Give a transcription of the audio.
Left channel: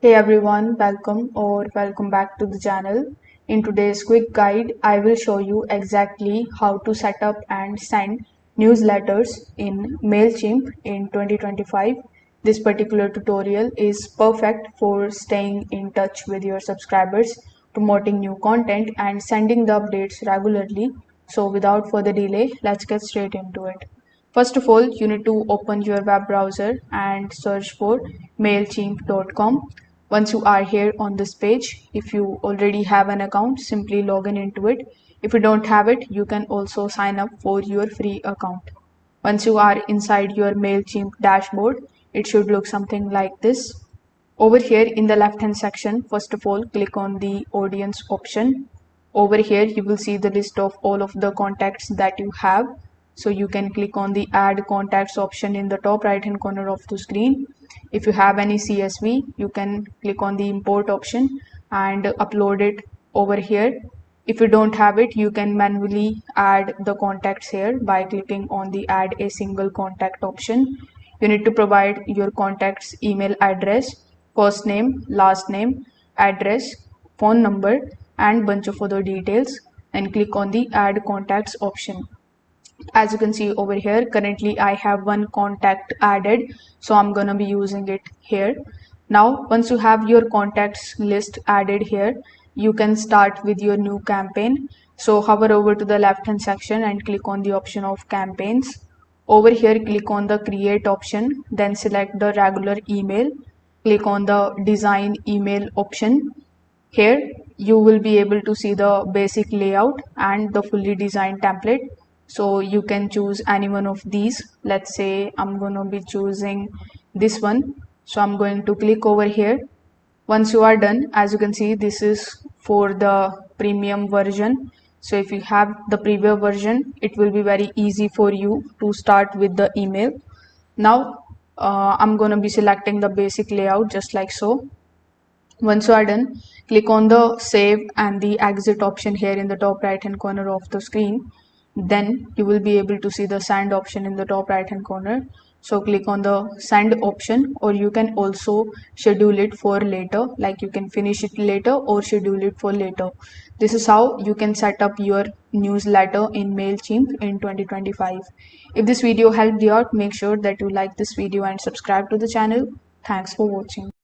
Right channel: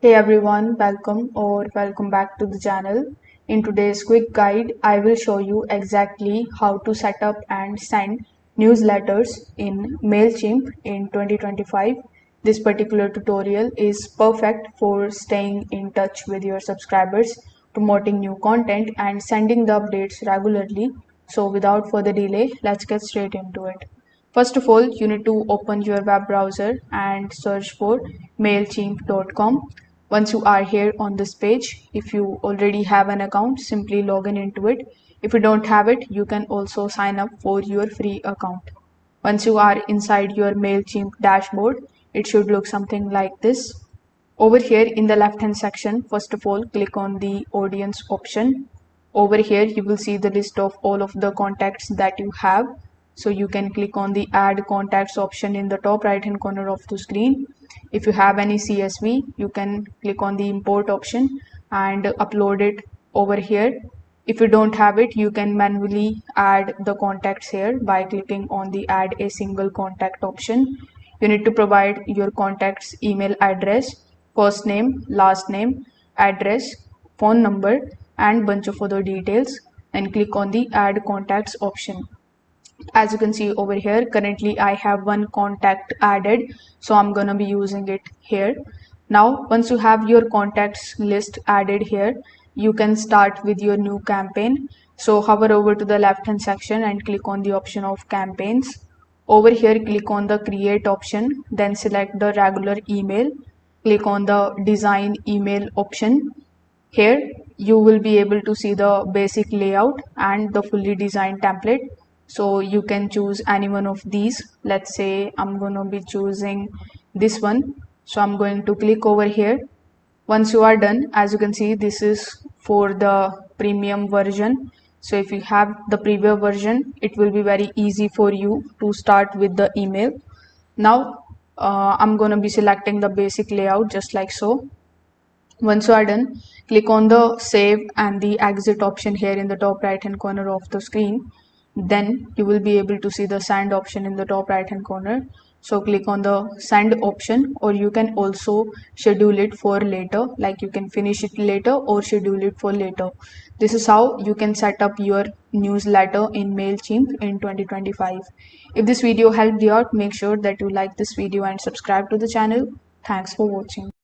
Hey everyone, welcome back to the channel. In today's quick guide, I will show you exactly how to set up and send newsletters in Mailchimp in 2025. This particular tutorial is perfect for staying in touch with your subscribers, promoting new content and sending the updates regularly. So without further delay, let's get straight into it. First of all, you need to open your web browser and search for mailchimp.com. Once you are here on this page, if you already have an account, simply log in into it. If you don't have it, you can also sign up for your free account. Once you are inside your Mailchimp dashboard, it should look something like this. Over here in the left hand section, first of all, click on the audience option. Over here, you will see the list of all of the contacts that you have. So you can click on the add contacts option in the top right hand corner of the screen. If you have any CSV, you can click on the import option and upload it over here. If you don't have it, you can manually add the contacts here by clicking on the add a single contact option. You need to provide your contact's email address, first name, last name, address, phone number, and bunch of other details, and click on the add contacts option. As you can see over here, currently I have one contact added, so I'm gonna be using it here. Now once you have your contacts list added here, you can start with your new campaign. So hover over to the left hand section and click on the option of campaigns. Over here, click on the create option, then select the regular email. Click on the design email option. Here you will be able to see the basic layout and the fully designed template. So you can choose any one of these. Let's say I'm going to be choosing this one. So I'm going to click over here. Once you are done, as you can see, this is for the premium version. So if you have the premium version, it will be very easy for you to start with the email. Now I'm going to be selecting the basic layout just like so. Once you are done, click on the save and the exit option here in the top right hand corner of the screen. Then you will be able to see the send option in the top right hand corner. So click on the send option, or you can also schedule it for later, like you can finish it later or schedule it for later. This is how you can set up your newsletter in Mailchimp in 2025. If this video helped you out, make sure that you like this video and subscribe to the channel. Thanks for watching.